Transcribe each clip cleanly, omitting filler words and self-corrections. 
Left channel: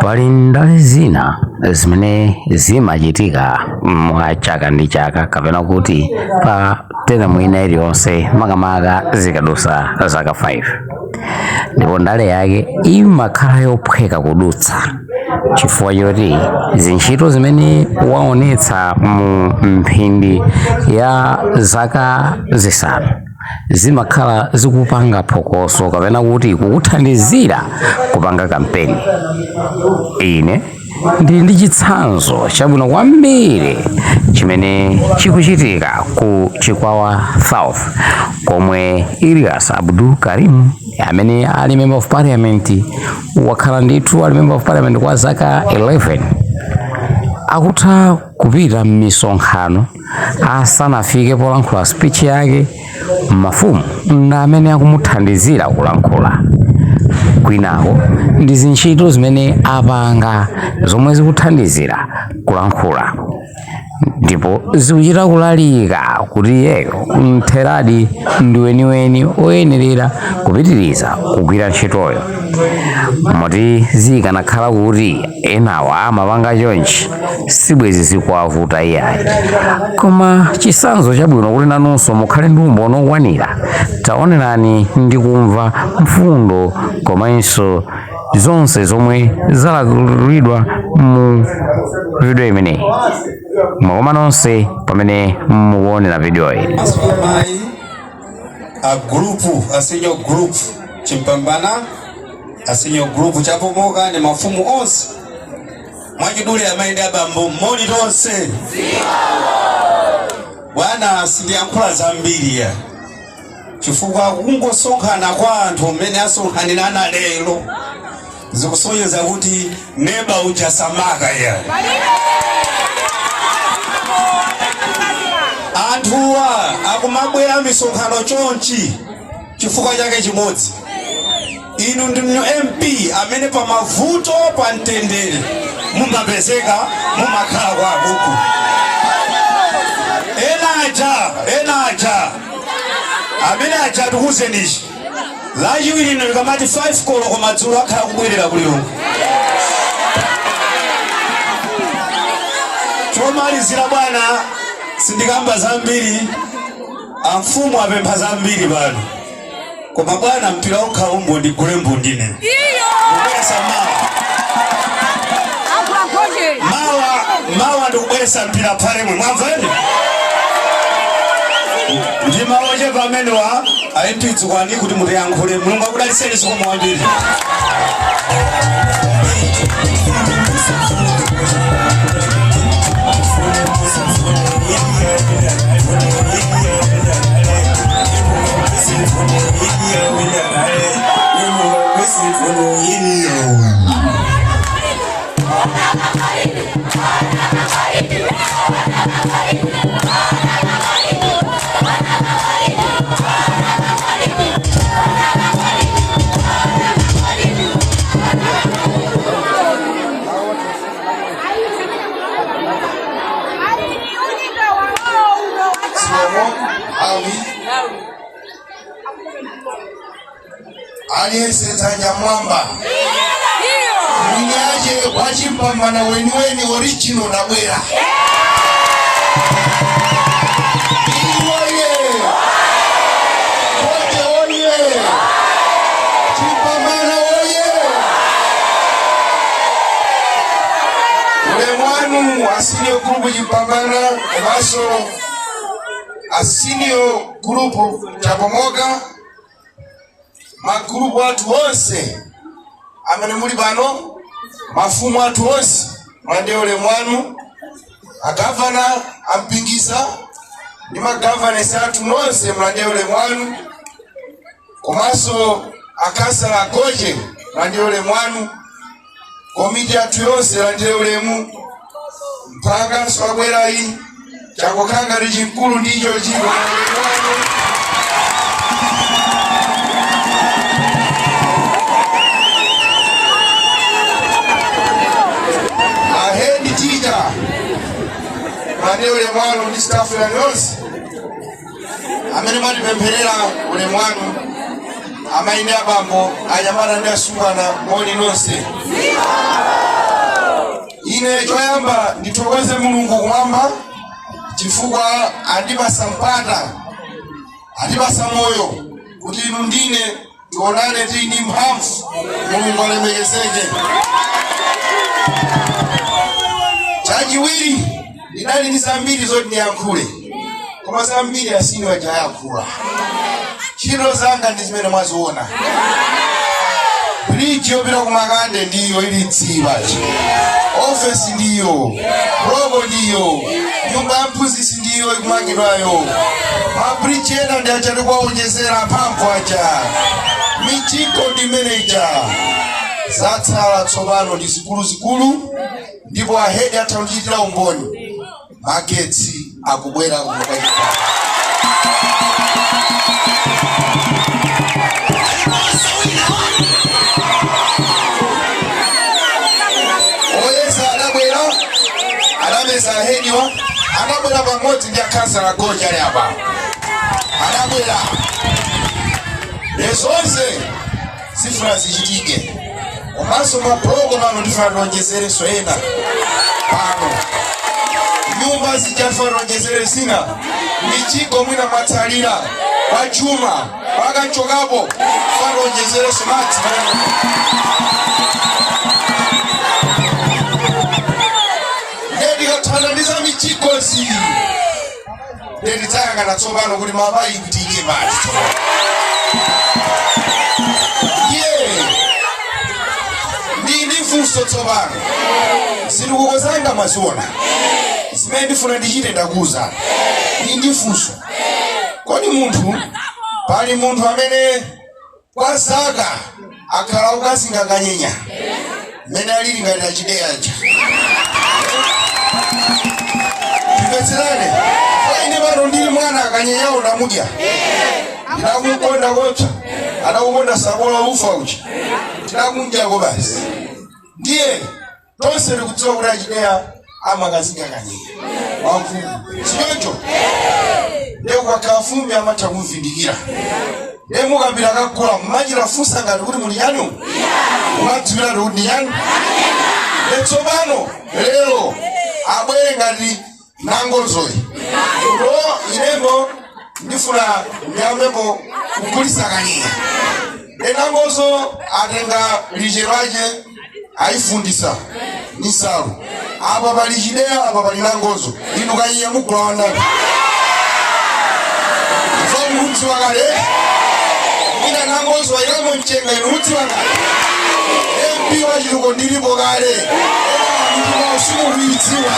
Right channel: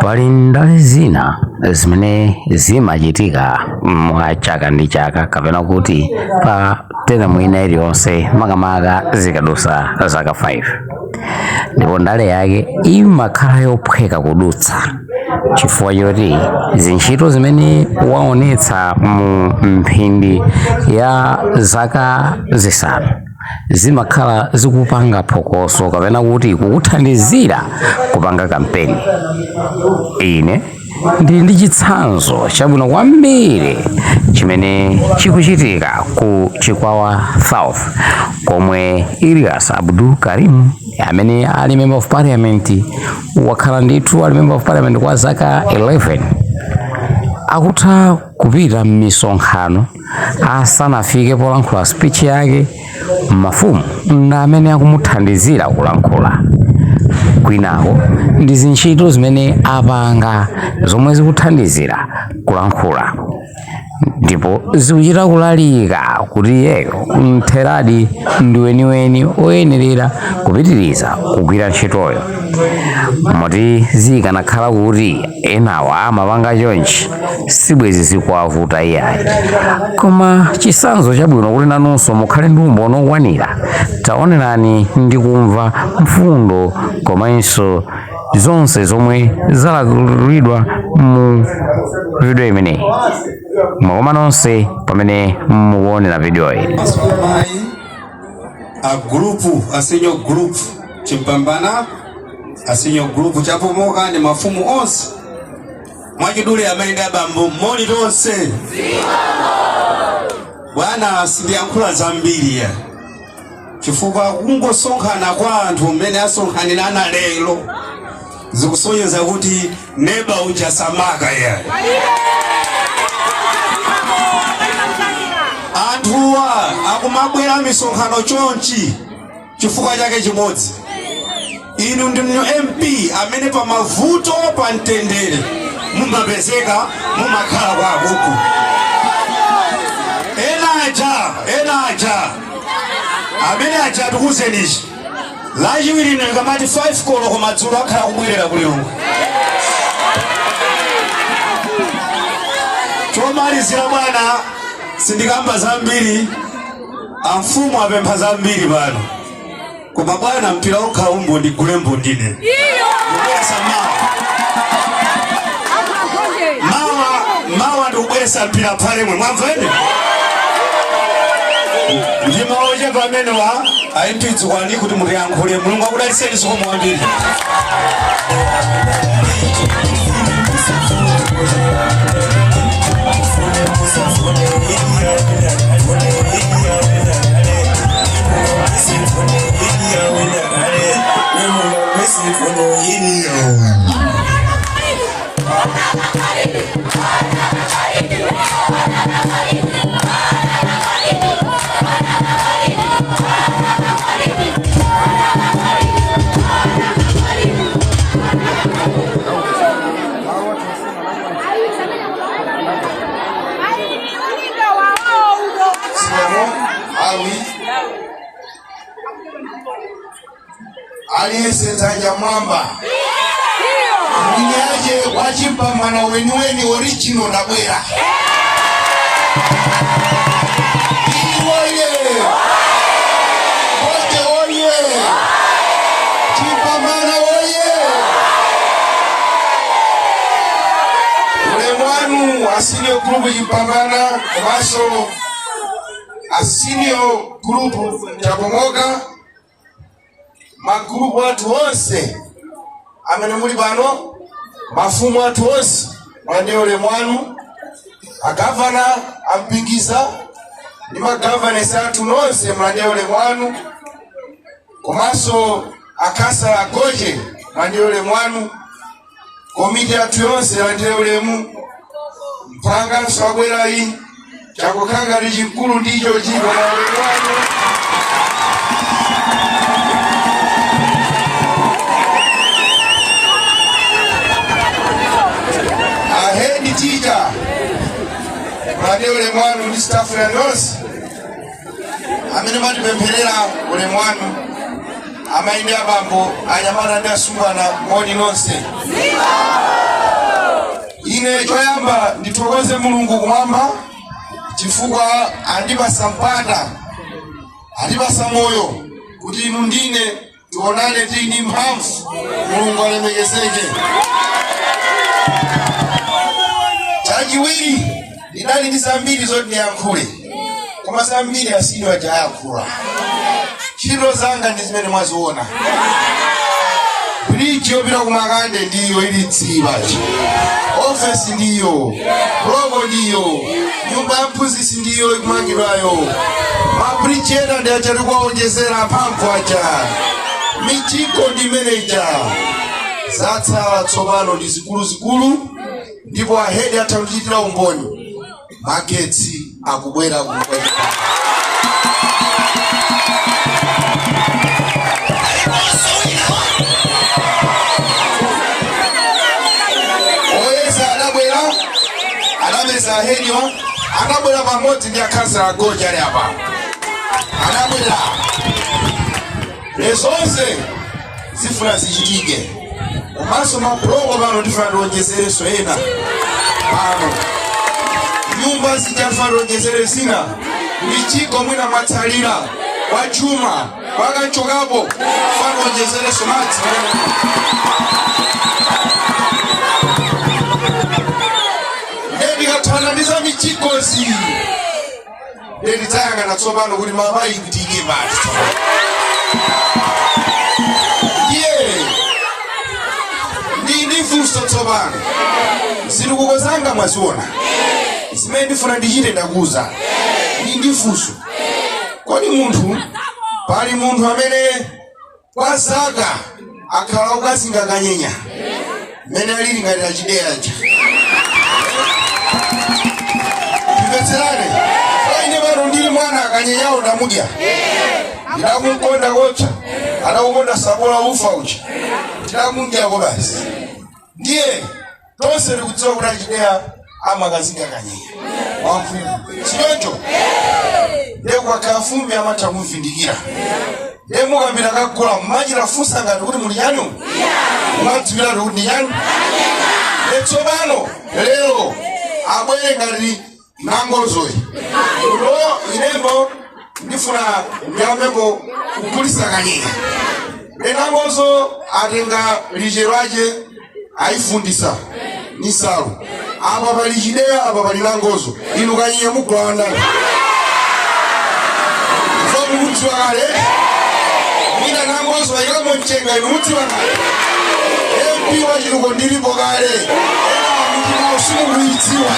Pali ndale zina zimene zimachitika mwa chaka ndi chaka kapena kuti pa teremu ina iliyonse makamaka zikadusa zaka 5, ndipo ndale yake imakhala yophweka kudutsa chifukwa choti zintchito zimene waonetsa mu mphindi ya zaka zisanu zimakhala zikupanga phokoso kapena kuti kukuthandizira kupanga kampeni. Ine ndili ndi chitsanzo chabwino kwambiri chimene chikuchitika ku Chikwawa South, komwe Ilyas Abdul Karim amene ali member of parliament, wakhala ndithu ali member of parliament kwa zaka 11, akutha kupita m'misonkhano asanafike polankhula speech yake mafumu na amene akumuthandizira kulankhula. Kwinako ndi zintchito zimene apanga zomwe zikuthandizira kulankhula, ndipo zikuchita kulalika kuti iyeyo mtheradi ndi weniweni oyenerera kupitiriza kugwira ntchitoyo. Moti zikanakhala kuti enawa amapanga chonchi sibwezi zikuwavuta iyayi. Koma chitsanzo chabwino kuti nanunso mukhale ndi umboni okwanira, taonerani ndi kumva mfundo komanso zonse zomwe zalakulidwa mu video imeneyi. Mwakoma nonse pamene mukuonera video iyi. A grupu, a senior group chimpambana, a senior group chapomoka ni mafumu onse mwachidule amaenda bambo mmoni tonse bwana sindiyankhula zambiri ya chifukwa kungosonkhana kwa anthu mmene asonkhanirana lero zikusonyeza kuti neba uchasamaka ya anthuwa akumabwera misonkhano chonchi chifukwa chake chimodzi. Inu ndi MP amene pa mavuto pa mtendere mumapezeka mumakhala kwa huku. Enaja amene aja tikuzenishi lachiwiri ino likamati 5 kolo komadzulo akhala kubwerera kulilongo. Chomalizira bwana sindikamba zambiri, amfumu apempha zambiri pano. Koma bwana mpira okha umbo ndigule mbundine. Kubwesa mawa ndikubwesa mpira pale mwe mwamveni. Ndima oje pamenewa ayipitsi kwani kuti mutiyankhule mulungu akudaliseni siku mwambiri. Aliyense tanya mwamba Mwenyeaje wachimpambana wenyeweni original na bwera Chimpambana oye Ulemwanu asinio grupu chimpambana Maso asinio grupu chapomoka magrupu watu wonse amene muli bano mafumu watu wonse mwande ulemwanu agavana ampingiza ni magavana esatu nonse mwande ulemwanu komanso akasa agoje mwande ulemwanu komiti atu yonse mwande ulemu mpanga nswabwerayi chakokanga lichikulu ndicho chiko mwande ulemwanu Tija mwade ulemwanu ndi staff ya nonse amene matipempherera ulemwanu amaine abambo anyamata ndi asungwana moni nonse. ine choyamba ndithokoze Mulungu kumwamba chifukwa andipasa mpata, andipasa moyo kuti inu ndine tionane tini mphamvu. Mulungu alemekezeke. Chachiwiri ndinali ndi zambiri zoti ndiyankhule, koma zambiri asino ajayankhula. Ntchito zanga ndi zimene mwaziona. Bridge yopita ku Makande ndiyo ilidziwa. Office ndiyo, robo ndiyo, nyumba ya mphunzitsi ndiyo ikumangidwayo. Mabridge ena ndi achati kuwaonjezera mphamvu aja. Michiko ndi manager. Zatsala tsopano ndi zikuluzikulu, ndipo ahedi athaundichitira umboni. Magetsi akubwera kumukachika. Henyo anabwera pamodzi ndi akhansala Gonja ali apa. Anabwera zonse zifuna zichitike, komanso mabuloko pano ndifuna tiwonjezerenso ena pano. Nyumba zichafuna tiwonjezere zina, michiko mwina matsalira kwa chuma pakanchokapo funa tiwonjezerenso madzi. Ndikathandiza michiko zi nditanga na tsopano kuti mabayi kuti ine basi. Ndi funso tsopano zilikukozanga mwaziona zimene ndifuna ndichite ndakuza. Ndi funso, kodi munthu pali munthu amene kwa zaka akhala okasinga kanyenya mmene alili ngati achideya aja? Ndikatserane ine pano ndili mwana akanyenyawo ndamudya. Ndinakumkonda kocha adakukonda sabola ufa uchi ndinakumdyako basi. Ndiye tonse tikudziwa kuti achideya amakazinga kanyenya wamfumu sichoncho. Ndiye kukakhala fumbi amatha kumvindikira. Ndiye mukapita kakula mmachita funsa ngati kuti muli chanu, mumadziwira kuti ndi chanu. Ndiye tsopano lero abwere ngati Nangozoyi. Inembo ndifuna ndiyambepo kugulitsa kanyenya. Nangozo atenga lije lake aifundisa nisalu. Apa pali chideya, apa pali Nangozo. Inu kanyenya mugula wandani. Chifukwa mudziwa kale. Mina Nangozo ilamwe mchenga inu mudziwa kale. MP wachiluko ndilipo kale. Ndima usimu luidziwa.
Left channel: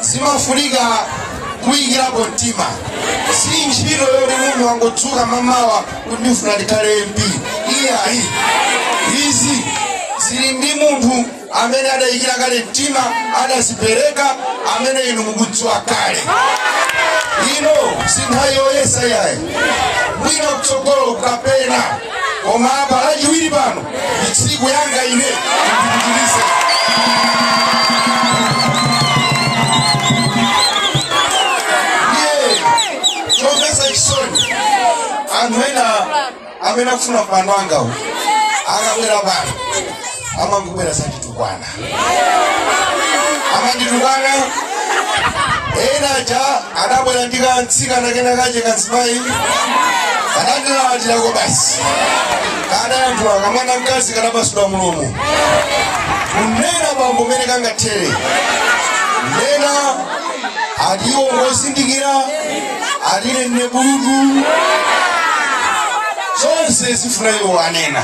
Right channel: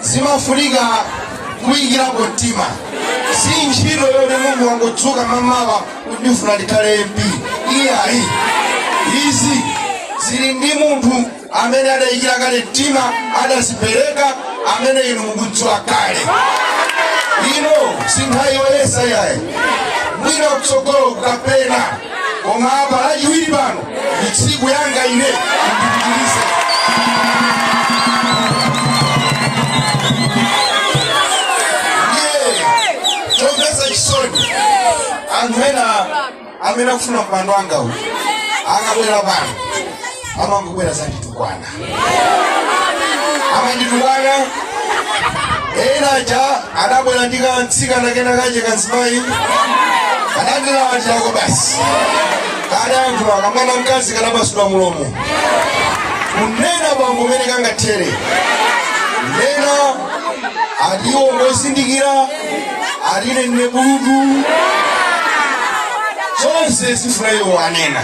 Zimafunika kuyikirapo mtima. Si ntchito yoti mimi wangotsuka mamawa kuti ndifuna ndikhale MP. Iyayi. Izi zili ndi munthu amene adayikira kale mtima, adazipereka, amene inu mukudziwa kale. Ino si nthawi yoyesa yayi. Mwina kutsogolo kapena, koma apa lachiwiri pano tsiku yanga ine ndipitirize. Anthu ena amene akufuna pandanga uyu akabwera pano amangobwera zanditukwana. Amanditukwana ena aja adabwera ndikantsika kena kache kanzimayi adandinawatirako basi. Adayankhula kamwana mkazi kanapasula mulomo kunena bambo mene kangathere. Nena adiwo ngozindikira adine nne buludu zonse zifuna iyo wanena.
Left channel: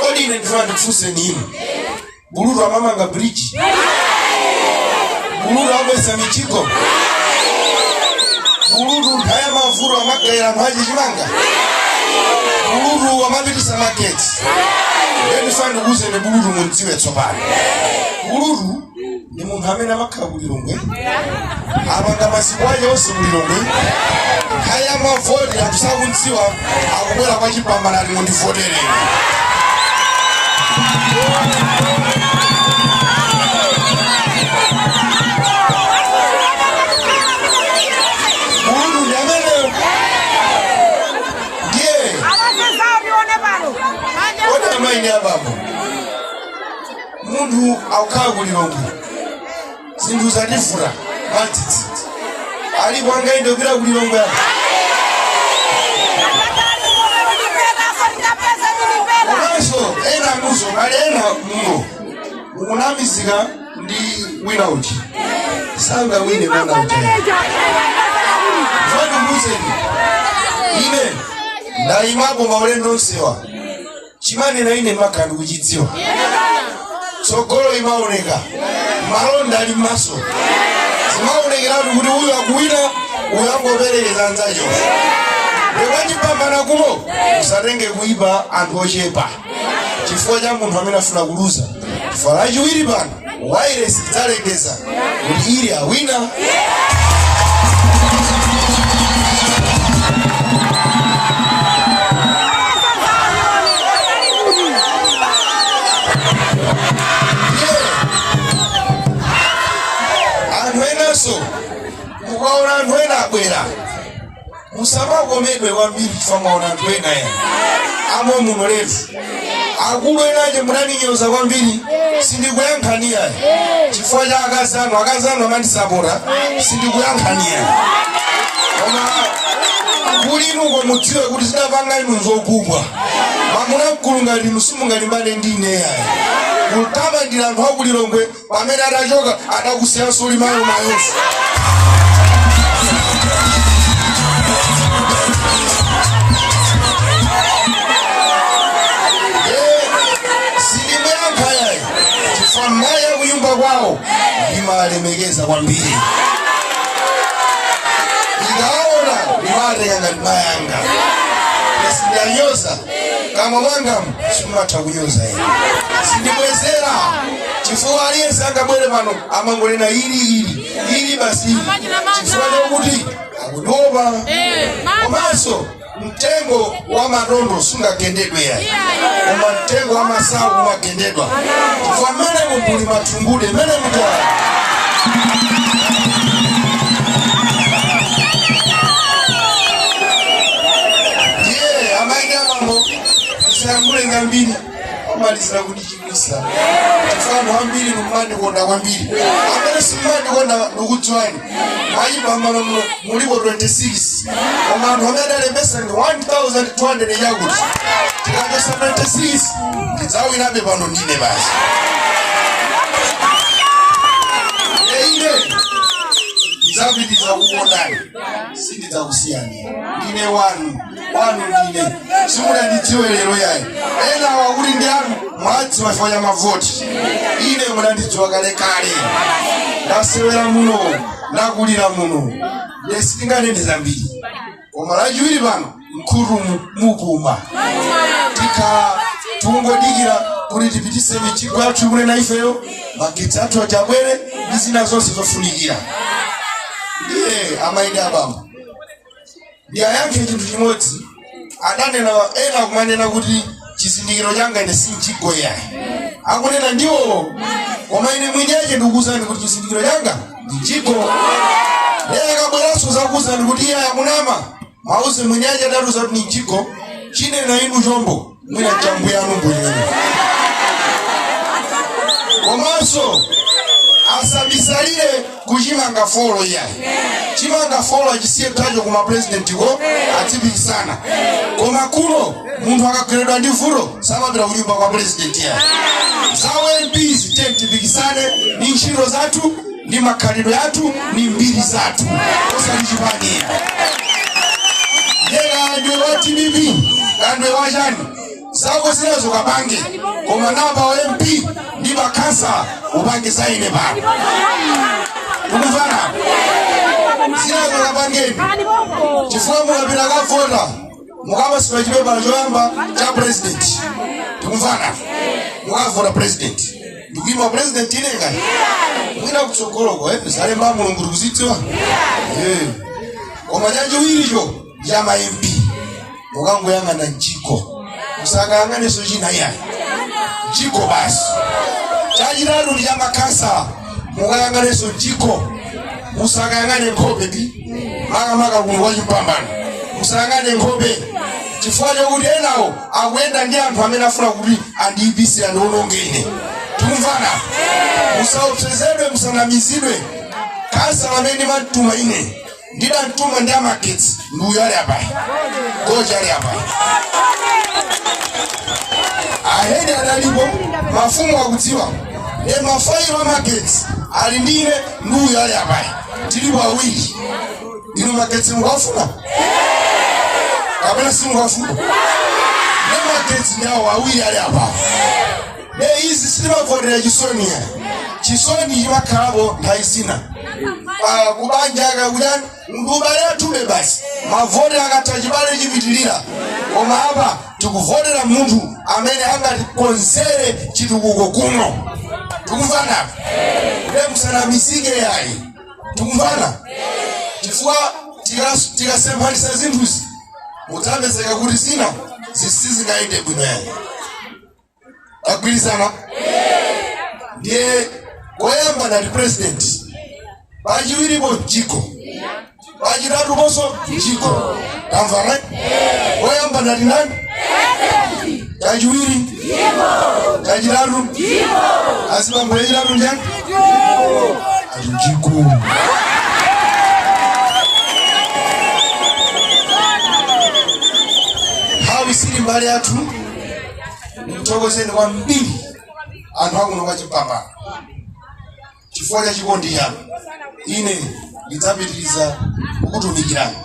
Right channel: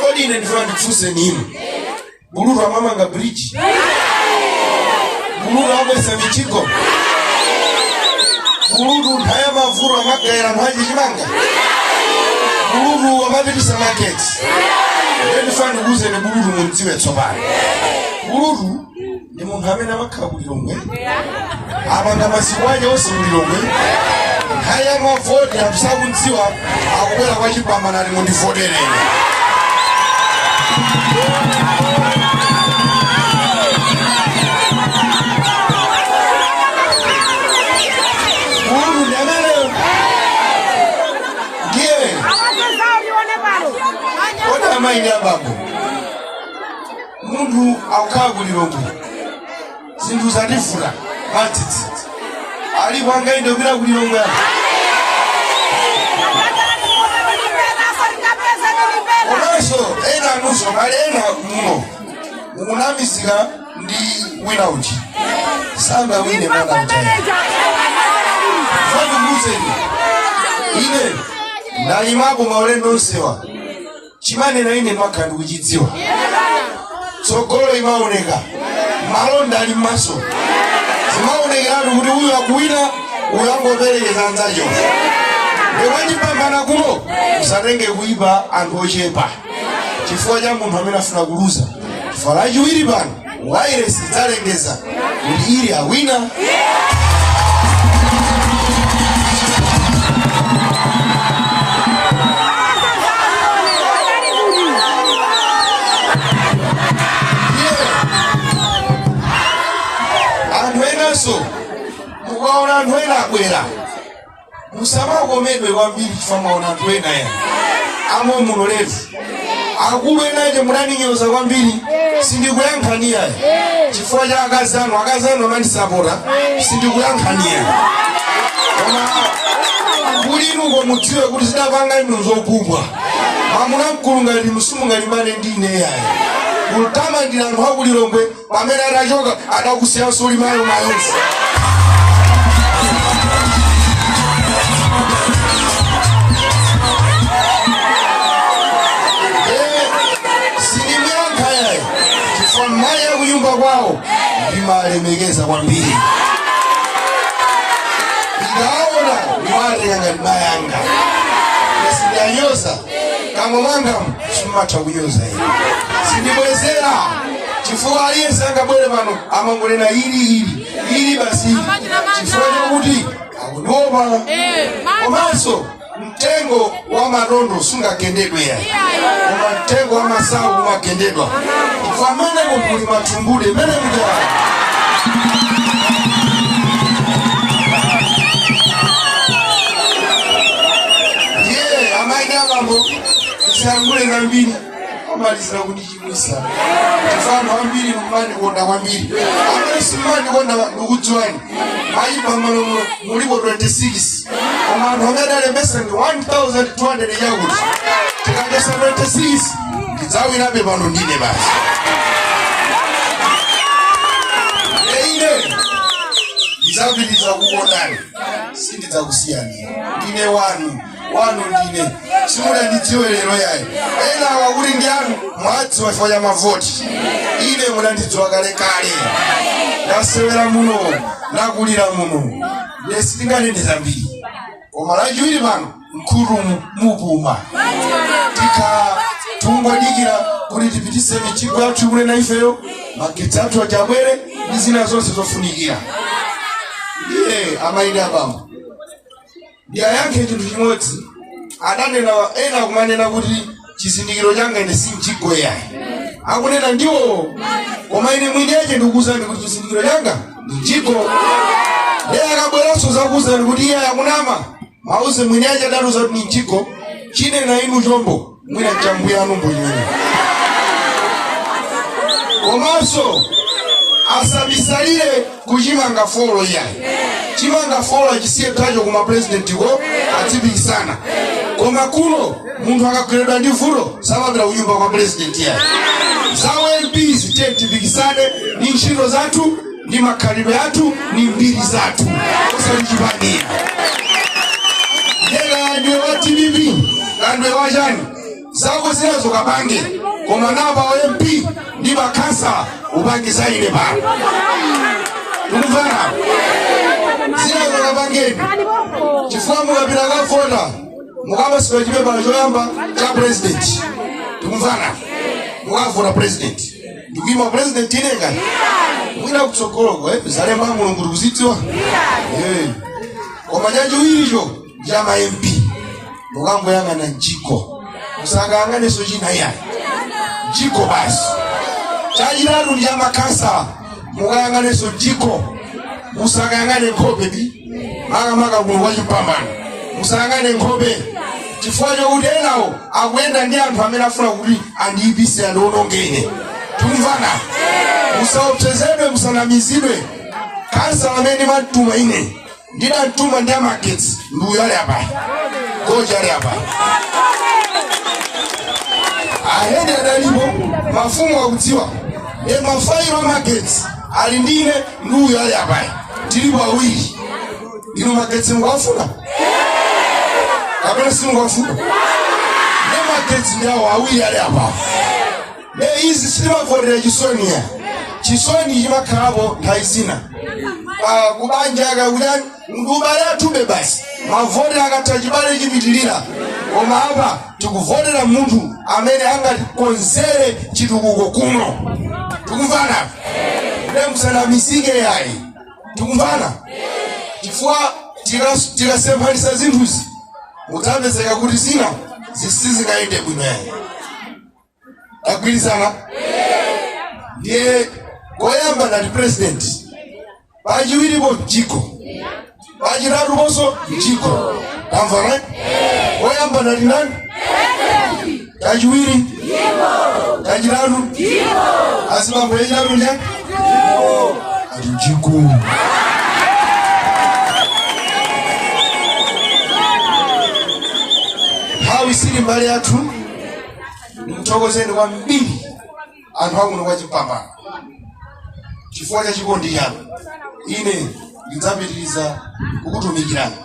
Kodi ine ndifuna ndifuse nini? Buludu amamanga bridge? Buludu amesa michiko? Buludu nthawi mavuto amagayira nthawi chimanga? Buludu amapitisa markets? Ndifuna ndikuze ni buludu mundziwe tsopano. Buludu ndi munthu amene amakhala kulilongwe, amanga masiku ake onse kulilongwe. Haya mavoti atisakunziwa akubwera kwa chipambana lino ndifotereni. aukakulilongo zinthu zatifuna matitsi ali kwangainde kupita kulilongo yako komanso ena anuso ngale ena muno mukunamizika ndi wina uchi sanga wine mwana uchi fatu mbuzeni ine ndayimako maulendo nsewa chimane na ine makandi kuchidziwa tsogolo imaoneka malonda ali maso zimaonekeratu kuti uyu akuwina uyu angoperekeza anzacho ndewachipambana kuno usatenge kuipa anthu ochepa chifukwa cha munthu amene afuna kuluza chifukwa lachiwiri pano wairesi idzalengeza kuti ili awina anthu enanso mukaona anthu ena abwera musamakomedwe kwambiri chifukwa mwaona anthu ena ya amwe muno letu akulu enaje munaninyoza kwambiri sindikuyankhani yayi chifukwa cha akazi anu amandisapota sindikuyankhani yayi koma kulimuko mudziwe kuti zidapanga inu nzokubwa mamuna mkulunga inu simungalimbane ndi ine yayi kutamandira anthu akulilongwe pamene atachoka adakusiyanso uli mayo mayonse kwao imalemekeza kwambiri ikaona niwate yanga nibayanga sidanyoza kama wangamu sumatha kunyoza ine sindibwezera chifukwa aliyense angabwere pano amangolena ili basi chifukwa chakuti akudopa komanso mtengo wa madondo sungagendedwe yayi koma mtengo wa masawu umagendedwa chifukwa mene munthu matungule mene mutwala ye amayi abambo tisangule nambiri omaliza kundichimwisa chifukwa ambiri mumandikonda kwambiri amene simandikonda ndikudziwani mayipa mmalomo mulipo 26 koma anthu amene alembesa ndi 1200 yakuti tikapesa 26 ndidzawinabe pano ndine basi ine ndidzapitiriza kukondani sindidzakusiyani ndine wanu ndine simunandidziwe lero yayi ena wakuti ndi anu mwadziwa chifukwa cha mavoti ine munandidziwa kalekale ndasewera muno ndakulira muno sitinganene zambiri koma lachiwiri pano mkulu mupuma tungodikira kuti tipitise michigwa athu imene na ifeyo magetsi athu ati abwere ndi zina zonse zofunikira iye amayi abambo ndiyayankhe chinthu chimodzi adanena ena kumanena kuti chizindikiro changa ine sinchigwa yayi akunena ndiwo koma ine mwinyeche ndikuwuzani kuti chizindikiro changa ndichigwa lero akabweranso zakuwuzani kuti iye akunama mauze mwinyeche adaluza kuti ndichigwa chinena inu chombo mwina chambuya anu mbonyene komanso asabisalire kuchimanga folo yayi chimanga folo achisiye tacho kuma president ko atipikisana koma kuno munthu akagwiridwa ndi vuto samapita kunyumba kwa president yayi zawo MPs tipikisane ndi ntchito zathu ndi makhalidwe athu ndi mbiri zathu osalichipangira yera ndiwe wa TDP kandwe wachani zako zilezo kabange koma napa wa MP ndi makansa upange zaine pano ukuvana zilezo kabangeni chifukwa mukapita kavota mukapasiwa chipepa choyamba cha president ukuvana mukavota president ndikuima president inenga mwina kutsogoloko zalemba mulungu tikuzidziwa koma chachiwiricho cha ma MP mukangoyang'ana mchiko musakayang'aneso china yayi mchiko basi chachitatu ndi cha makansa mukayang'aneso mchiko musakayang'ane nkhope ndi makamaka kuno wachipambano musayang'ane nkhope chifukwa chokuti enawo akuyenda ndi anthu amene afuna kuti andiyipise andiwonongene Tukumvana. Musaopsezedwe musanamizidwe. Kansa wameni matuma ine. Ndida ntuma ndama kids. Ndu yale hapa. Goja yale hapa. Ahende adalipo mafumu wa kutiwa. Ne mafai wa markets. Alindine ndu yale hapa. Tiliwa wiki. Inu markets mwafuna. Kabela simu wafuna. Ne markets nao wawi yale hapa. Ne hizi sima kwa jisoni ya. Jisoni yima karabo haisina. Kubanjaga uyan ngubala tube basi mavone akatajibali jibitilira omaba tukuvonera muntu amene angatikonzere chitukuko kuno. Tukumvana ndemsana misige yayi. Tukumvana chifukwa tikasembanisa zinthuzi mutamezeka kuti zina zisizikaende bwino yayi. Agwirizana ndiye koyamba nali president bajiwiri bo jiko bajiratu boso jiko kamvana koyamba nali nani bajiwiri jiko bajiratu jiko asiba boyiratu nja jiko hawi siri mbali yatu mtogozeni wa mbili anwangu nwachipamba chifukwa chikondi chanu ine ndidzapitiriza kukutumikirani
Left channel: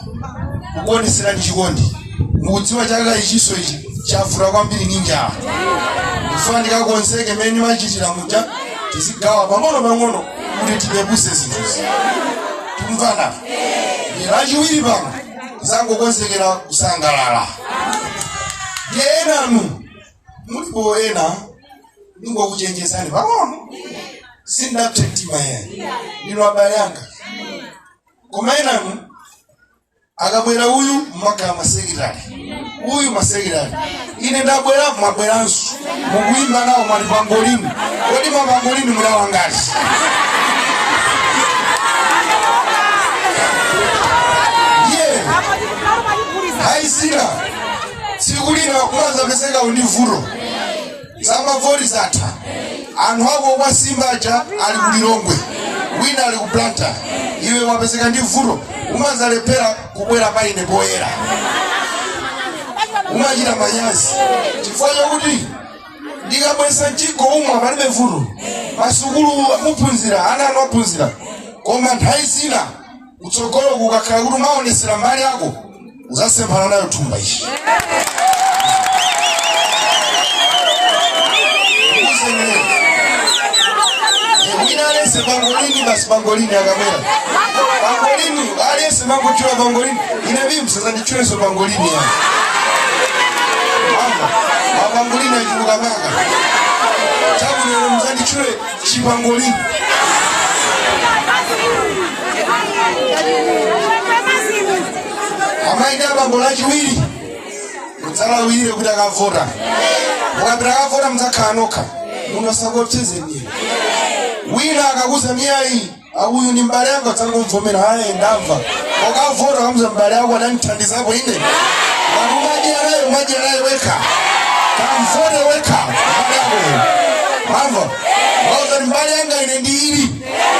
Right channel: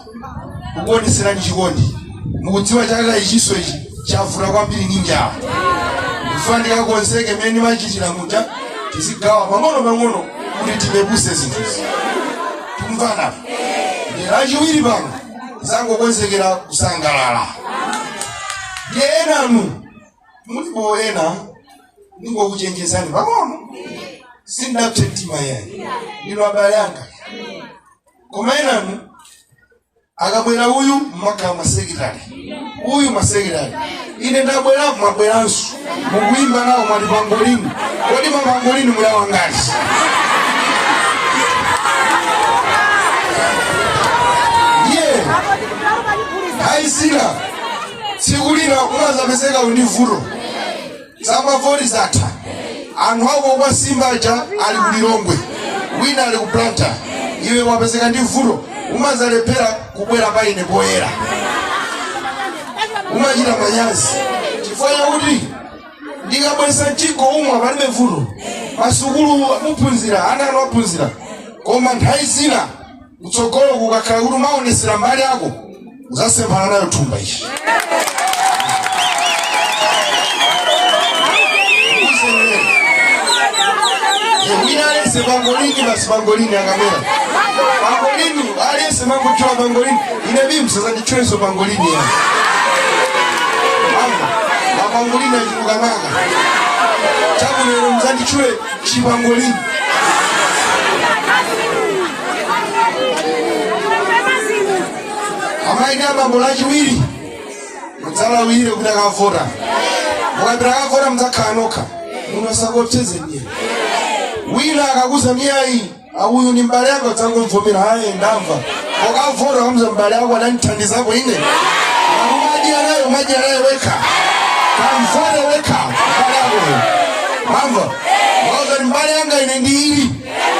kukuoneserani chikondi mukudziwa chaka ichiso ichi chafura kwambiri ninjawa ndifuna ndikakonzeke mene machitira muta tizigawa pang'ono kuti tipepuse zinthuzi. Tukumvana ndirachiwiri pano zangokonzekera kusangalala ndiye enanu mulipo ena ningokuchenjezani pang'ono sindapte mtima yeye ndilo abale yanga koma enanu akabwera uyu mmaka masekirali uyu masekirali ine ndabwera mabweranso mukuimba nawo mwali pangolini kodi mapangolini mulawa ngati ndiye haisina sikulina umazapeseka univuro zamavori zatha anthu ako kwa simbacha ali kulilongwe wina ali kuplanta iwe wapeseka ndi vuto umazalepera kubwera paine poyera umachita manyazi chifukwa chakuti ndikabweresa mchiko umwe palibe vuto masukulu amuphunzira ana anu aphunzira koma nthawi zina kutsogolo kukakhala kuti umaonesera mbali yako uzasemphana nayo thumba ichi. Aliyese pangolini basi pangolini akamwela pangolini aliyese mambo chua pangolini inebi msasa ndichoezo pangolini ya pangolini ya jimuka maka chabu nero mzandi chule chi pangolini amaida pangolaji wili mzala wili kutaka vota ukapitaka vota mzaka anoka unosako cheze nye wina akakuza miyai uyu ni mbali yako tangu mvumira haye ndamva wakavora kamuza mbali yako ananitandizako ine umaji alaye weka kamvore weka mbali yako mambo wauza ni mbali yanga ine ndiiri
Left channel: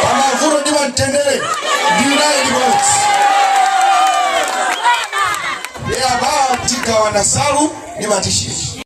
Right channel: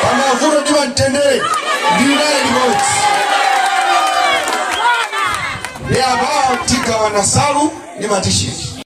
kama vuro ndiwa ntendele ndiiraye liboti ya baa tika wanasalu ni matishiri